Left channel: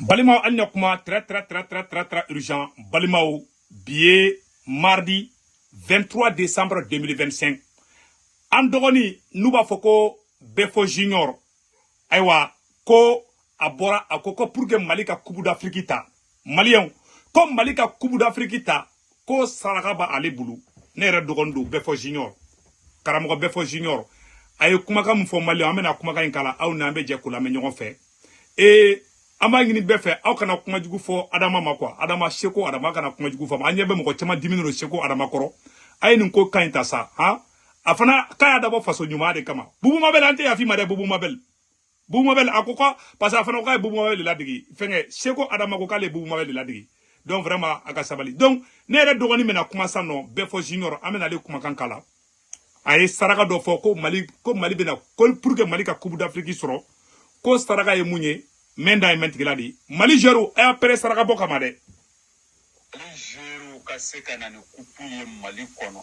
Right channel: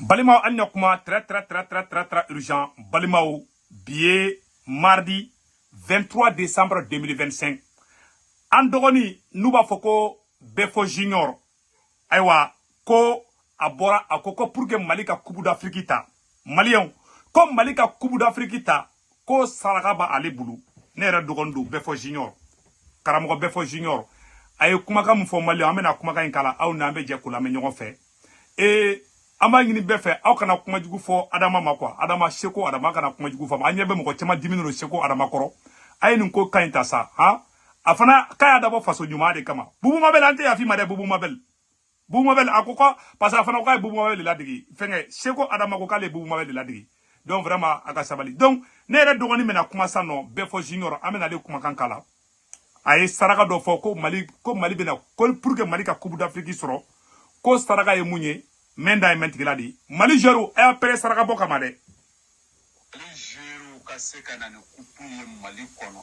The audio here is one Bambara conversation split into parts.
Balimao Anyokuma, très urgent. Balimao, billet, mardi 23 décembre 2025. Andogoni, Nuba Foko, Befo Junior. Aywa, ko abora akoko pour que Malika Kubu d'Afrique ta. Malien, comme Malika Kubu d'Afrique ta, ko Saragaba Ali Boulou. Nera Dogondo, Befo Junior. Karamogo Befo Junior. Aye kumaka mfo Malien, amena kumaka inkala, au nambe jekula menyon fe. Et ama ngini befe aw kana kuma jugu fo adama makwa adama sheko adama kana kuma jugu fo anyebe mko tema dimino sheko adama koro ay nin ko kayita sa ha afana kaya dabo faso nyuma de kama bubu mabel ante ya fi made bubu mabel akoko parce afana ko bubu mabel la digi fenge sheko adama ko kale bubu mabel la digi donc vraiment aka sabali donc ne re dogoni mena kuma sano Befo Junior amena le kuma kankala ay saraka do fo ko mali bena ko pour que Mali ka Coupe d'Afrique soro ko saraka ye munye menda mentigiladi Mali jeru e apere saraka boka made Mali jeru ka se kana ne kupu ye Mali kono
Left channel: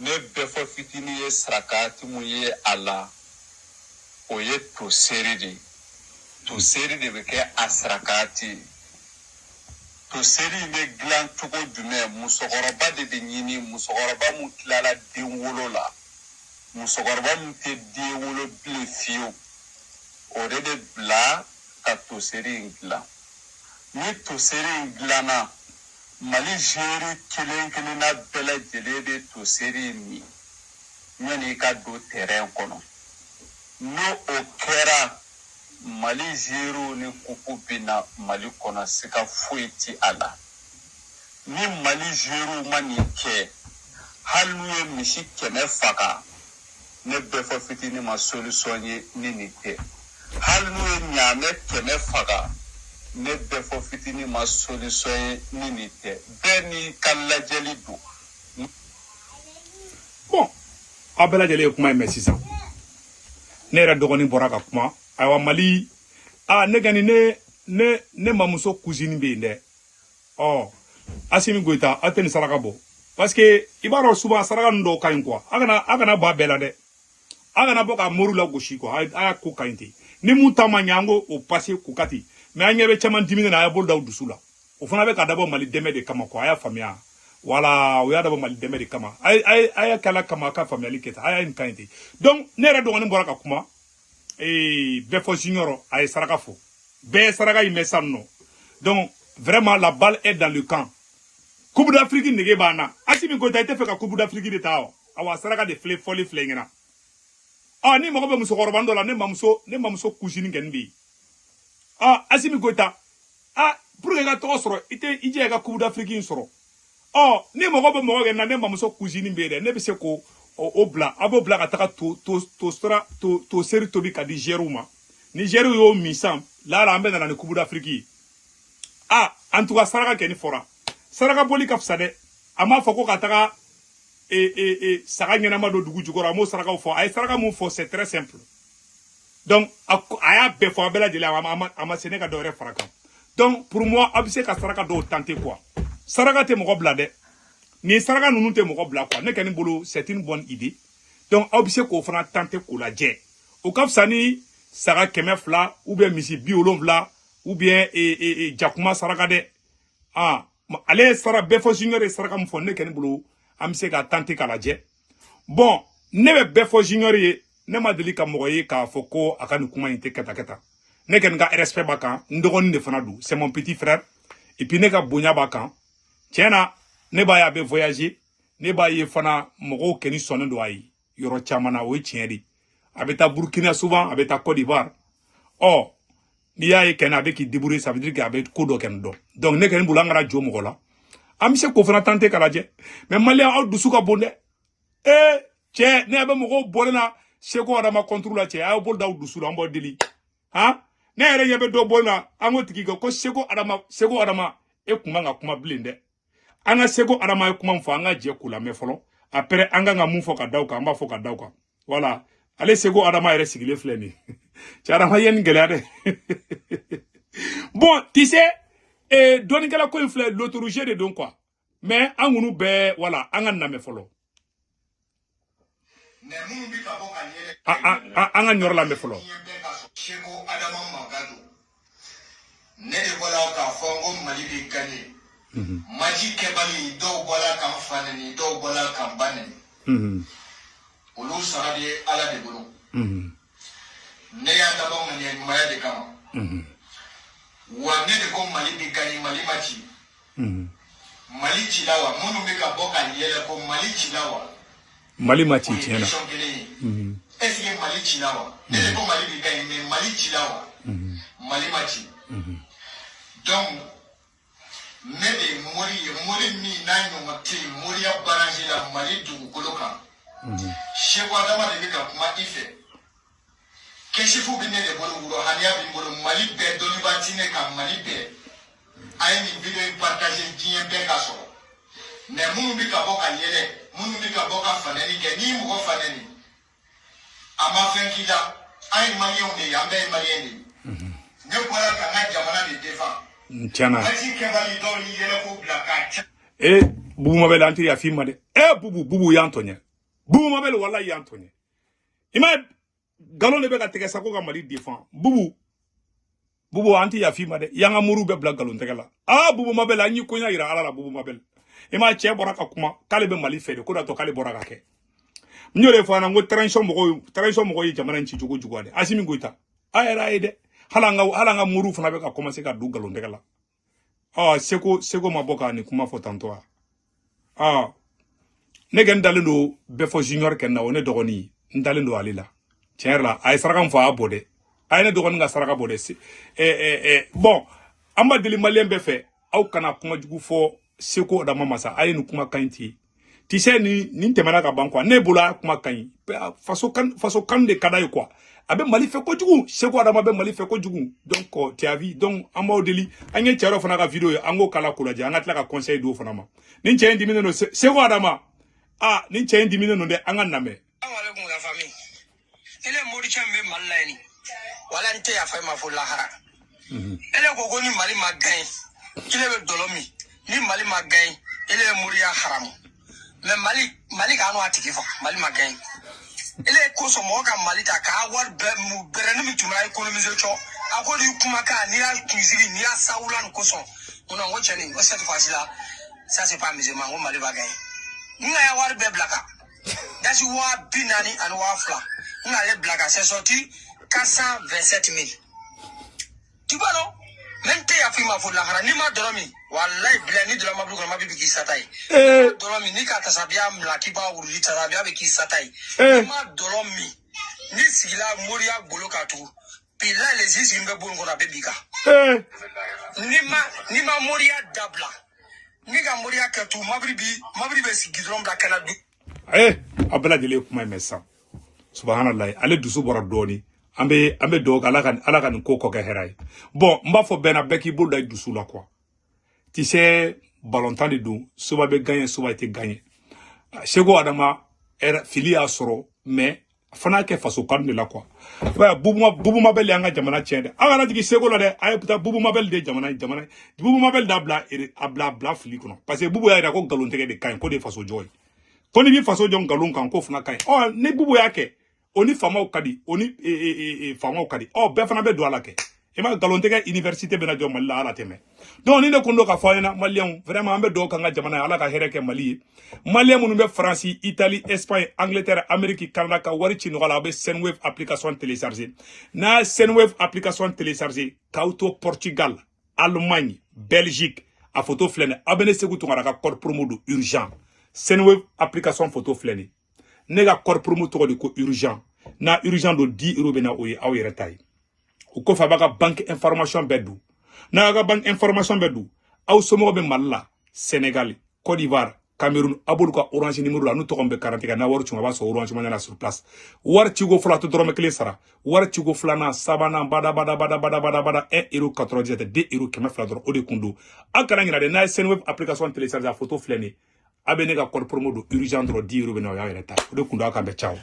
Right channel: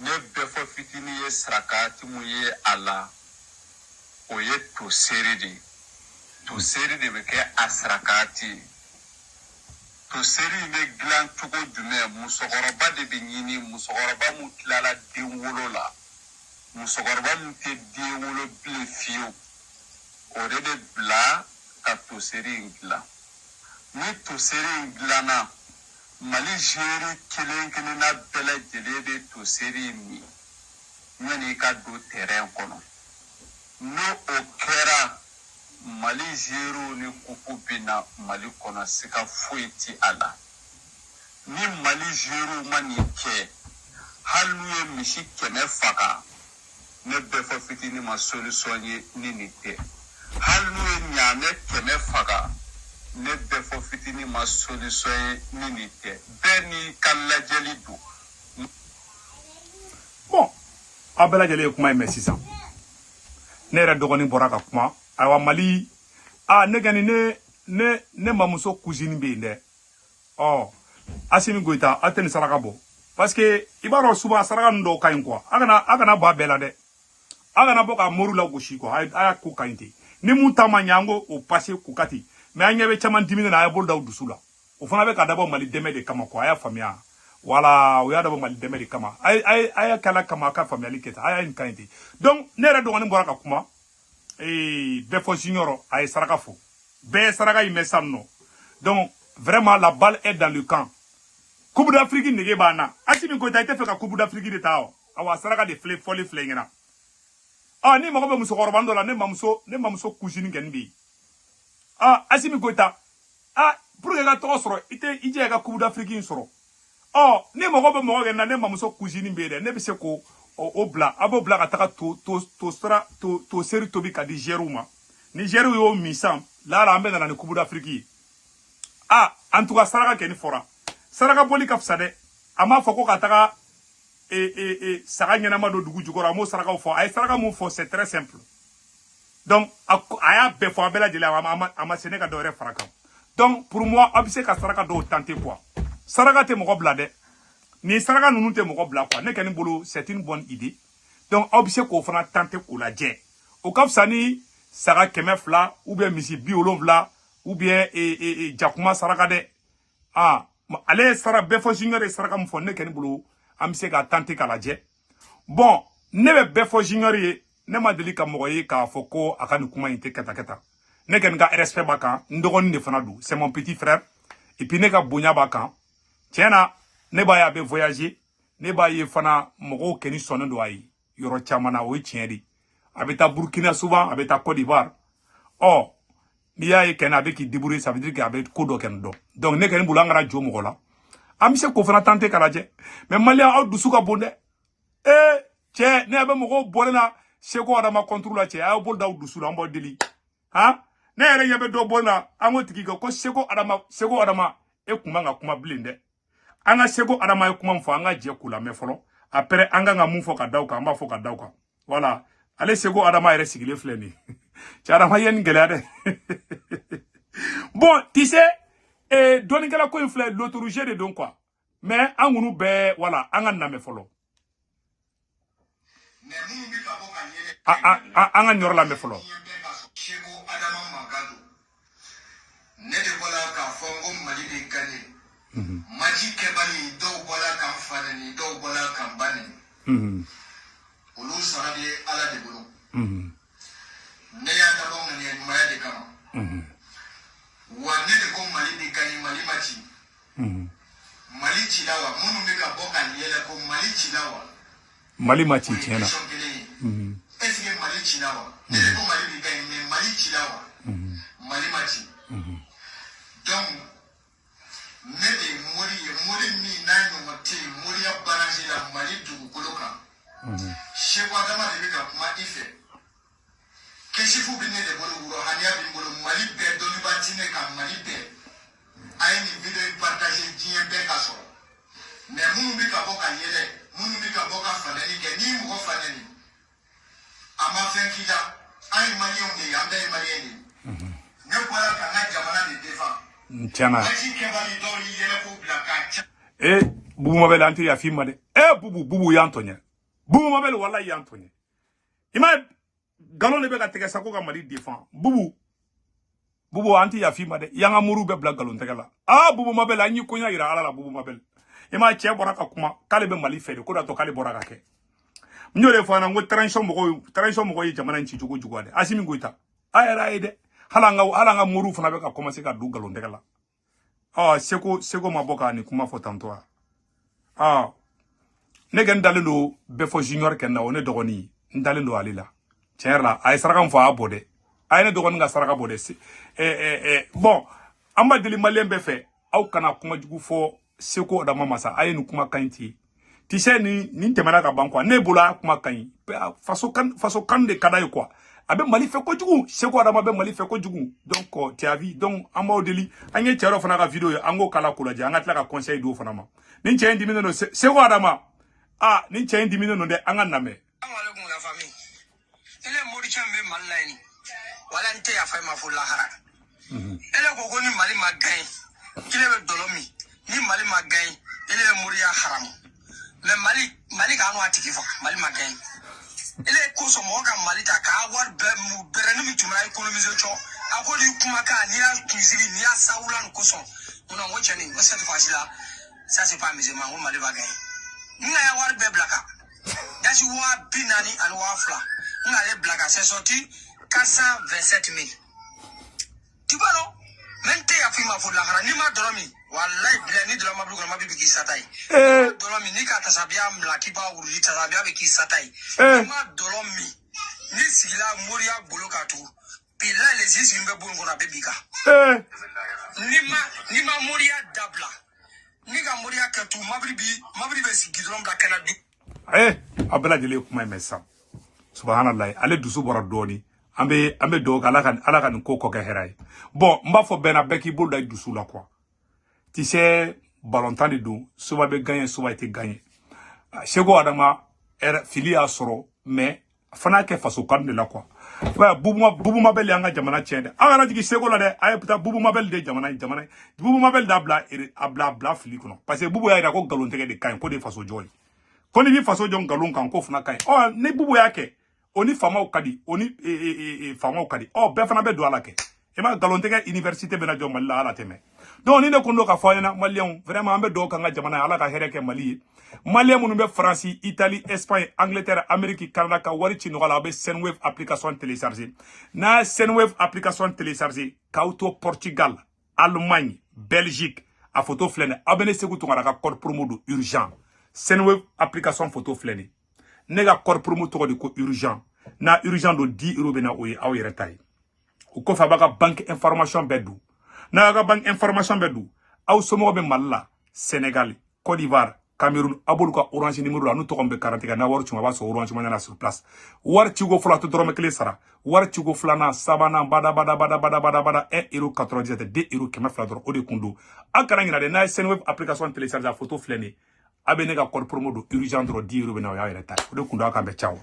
ne Befo fitini ye saraka tumu ye ala o ye to seri de be ke asrakati to seri me glan tuko dume musogoroba de be nyini musogoroba mu kilala denwolo la musogoroba mu te denwolo ble fiyo ore de bla ka to seri ngla ni to seri nglana Mali jeri kelen na bela jele de to seri mi nyani ka do terrain kono no okera Mali jero ni kupu bina Mali kono sika fuiti ala ni Mali jero mani ke halu ye mishi keme faka ne Befo fitini ma solution ni nite halu ye nyame keme faka ne Befo fitini ma solution ni nite beni kala jeli do bon abela jeli kuma me 600 ne re dogoni boraka kuma awa Mali ne gani ne mamuso cousine be inde oh Assimi Goïta ateni saraka bo parce que ibaro souvent saraka ndo kayin quoi agana ba bela de agana boka moru la goshi ko aya ko kayinti ni mun tama nyango o passé ko kati mais anyebe chaman dimine na ayabol daw dusula o fana be ka dabo Mali deme de kama ko aya famia wala o ya dabo Mali deme de kama aya kala kama ka famia liketa aya in kayinti donc ne re dogoni boraka kuma Befo Junior ay saraka fo be saraka imesanno donc vraiment la balle est dans le camp Coupe d'Afrique nege bana Assimi Goïta ite fe ka Coupe d'Afrique de tao awa saraka de folie flengena ni mako be muso korobando la ne mamuso cousine genbi Assimi Goïta pour que ka to soro ite ije ka Coupe d'Afrique soro ni mako be mo gena ne mamuso cousine be de ne be se ko o bla abo bla ka taka to seri tobi ka di Jeruma ni Jeru yo misam la rambe na ne Coupe d'Afrique en tout cas saraka ken fora saraka boli ka fsade ama foko ka taka saka nyana ma do dugu jugora mo saraka fo ay saraka mo fo c'est très simple donc aya be fo bela jele ama seneka do re faraka donc pour moi abise ka saraka do tenter quoi saraka te mo bla de ni saraka nunu te mo bla quoi ne ken bolo c'est une bonne idée donc abise ko fana tenter ko la je o ka fsani saka kemefla ou bien misi biolomvla ou bien jakuma saraka de ale sara Befo Junior e saraka mfo ne ken bulu amse ka tante kala je bon ne be Befo Junior ye ne ma deli ka moye ka foko akani kuma inte keta ne ken ga respect bakan ndogon ne fana du c'est mon petit frère et puis ne ka bonya bakan tiena ne ba ya be voyager ne ba ye fana mogo keni sonnen do ayi yoro chamana o tiedi abeta Burkina souvent abeta Côte d'Ivoire ni ya ye ken avec qui débrouiller ça veut dire qu'il avait ko do ken do donc ne ken bulangara jo mo la am se ko fana tante kala je mais Malien aw dusuka bonde che ne be mo ko bolena seko adama contrôle che aw bol daw dusula mbo deli ne yere yebe do bolna ango tiki ko seko adama e kuma nga kuma blinde anga seko adama e kuma mfo anga je kula me folo après anga nga mu fo ka dawka amba fo ka dawka voilà ale seko adama yere sigile fleni Charama yen gelade. Bon, tu sais, donner la ko inflé l'autorité de donc quoi. Mais angunu be voilà, anga name folo. Anga nyor la me folo. bɛ gagné maji kɛbali dɔw bɔla kan fa neni dɔw bɔla kan ba neni olu sara bɛ ala de bolo ne y'a dabɔ ŋaniya ɲumanya de kama wa ne de ko Mali bɛ gagné Mali ma ci Mali cila wa minnu bɛ ka bɔ ka yɛlɛ ko Mali cila wa Mali ma ci tiɲɛ na est-ce que Mali cila wa ne de ko Mali bɛ gagné mais Mali cila wa Mali ma ci donc ne de ye mori ye mori min n'a ɲɔgɔn tɛ yen moriya baransi la Mali dugukolo kan Seku Adama de bɛ ka kuma i fɛ kɛsifu bɛ ne de bolo wurohaniya bɛ n bolo Mali bɛɛ dɔnnibaa ti ne kan Mali bɛɛ a ye nin video in partage diɲɛ bɛɛ ka sɔrɔ mais minnu bɛ ka bɔ ka yɛlɛ minnu bɛ ka bɔ ka fanɛni kɛ n'i mɔgɔ fanɛni a ma fɛn k'i la an ye maliyɛnw de ye an bɛɛ ye maliyɛn de ye ne bɔra ka n ka jamana de défend tiɲɛna maji kɛbali dɔw y'i yɛlɛ ko bila k'a cɛ Bubu Mabel an tɛ yafa i ma dɛ bubu y'an tɔɲɛ Bubu Mabel wallahi y'an tɔɲɛ i ma galon de bɛ ka tigɛ sa ko ka Mali défend bubu an tɛ yafa i ma dɛ y'an ka muru bɛɛ bila galon tɛgɛ la Bubu Mabel an y'i koɲa yira ala la Bubu Mabel i ma cɛ bɔra ka kuma k'ale bɛ Mali fɛ de ko da to k'ale bɔra ka kɛ n y'o de fɔ an na ko transition mɔgɔw ye jamana in ci cogo juguya dɛ Asimi Goita a yɛrɛ a ye dɛ hali an ka muru fana bɛ ka commencer ka don galon tɛgɛ la Seko ma bɔ ka nin kuma fɔ tantôt ne kɛ n dalen don bɛɛ fɔ junior kɛ na o ne dɔgɔnin n dalen don ale la tiɲɛ yɛrɛ la a ye saraka min fɔ a y'a bɔ dɛ a ye ne dɔgɔnin ka saraka bɔ dɛ bon an b'a deli maliyɛn bɛɛ fɛ aw kana kuma jugu fɔ Seko Adama ma sa a ye nin kuma ka ɲi ten tu sais nin tɛmɛna ka ban quoi ne bolo a kuma ka ɲi faso kanu de ka d'a ye quoi a bɛ Mali fɛ kojugu Seko Adama bɛ Mali fɛ kojugu donc tu as vu donc an b'aw deli an ye cɛ dɔ fana ka video ye an k'o kala k'o lajɛ an ka tila ka conseil d'o fana ma nin cɛ in diminen don Seko Adama nin cɛ in diminen don dɛ an ka namɛ Assalamualaikum la famille ele mori chan be Mali la ni wala nte ya fa ma fo lahara ele ko ni Mali ma gain kile be dolomi ni Mali ma gain ele mori ya haram mais Mali ka no atiki fo Mali ma gain ele ko so mo ka Mali ta ka war be mu berenu mi tumra economiser cho akodi kuma ka ni al kuzili ni asawulan ko so on wo chani o cette fois là ça c'est pas musulman on Mali va gagner ni ya war be blaka dasi wa binani and wa fla ni ale blaka c'est sorti 427 000 tu vois non même te ya fima fo la hara ni ma doromi wallahi blani dolo mablu ko mabibi ki satai doromi ni ka tasabia mlaki ba uruli tasabia be ki satai ma doromi ni sigila moria golo katu pila les ici mbe bon ko na bebika ni ma moria dabla ni ka moria katu mabribi sigidrom da kanadu abela jele kuma me sa subhanallah ale dusu bɔra dɔɔni an bɛ dɔw ala ka nin ko kɛ hɛrɛ ye bon n b'a fɔ bɛɛ na bɛɛ k'i bolo da dusu la quoi tu sais ballontan de don soba bɛ gagner soba tɛ gagner Seko Adama fili y'a sɔrɔ mais fana kɛ faso kanu de la quoi Bubu Mabel y'an ka jamana tiɲɛ dɛ an kana jigin Seko la dɛ a ye putain Bubu Mabel de jamana Bubu Mabel da bila fili kɔnɔ parce que Bubu y'a jira ko galon tɛgɛ de ka ɲi ko de faso jɔ ye ko ni bi faso jɔ galon kan ko fana ka ɲi ni Bubu y'a kɛ oni famaw kadi oni famaw kadi bɛɛ fana bɛ don ala kɛ i ma galon tɛgɛ université bɛna jɔ Mali la ala tɛmɛ donc ni ne kun do ka fɔ ɲɛna maliyɛnw vraiment an bɛ dɔw kan ka jamana ye ala ka hɛrɛ kɛ Mali ye maliyɛn minnu bɛ Faransi Italie Espagne Angleterre Amérique Canada ka wari ci nɔgɔ la a bɛ Senwave application télécharger n'a ye Senwave application télécharger k'aw to Portugal Allemagne Belgique a photo filɛ nin aw bɛ ne Seku Tunkara ka code promo do urgent Senwave application photo filɛ nin ne ka code promo tɔgɔ de ko urgent na urgent do 10 € bena o ye aw yɛrɛ ta ye o kɔfɛ a b'a ka banque information bɛɛ dun n'a ka banque information bɛɛ dun aw somɔgɔ bɛ Mali la Sénégal Côte d'Ivoire Cameroun a b'olu ka orange numéro la n'u tɔgɔ bɛ garanti kan n'a wari cun a b'a sɔrɔ orange money na sur place wari ciko fɔlɔ a tɛ dɔrɔmɛ 1 sara wari ciko filanan sabanan bada 1 € 97 2 € 200 dɔrɔn o de kun don aw kana ɲinɛ dɛ n'a ye Senwave application télécharger a photo filɛ nin a bɛ ne ka code promo do urgent dɔrɔn 10 € bena o y'a yɛrɛ ta ye o de kun don aw kan bɛ caw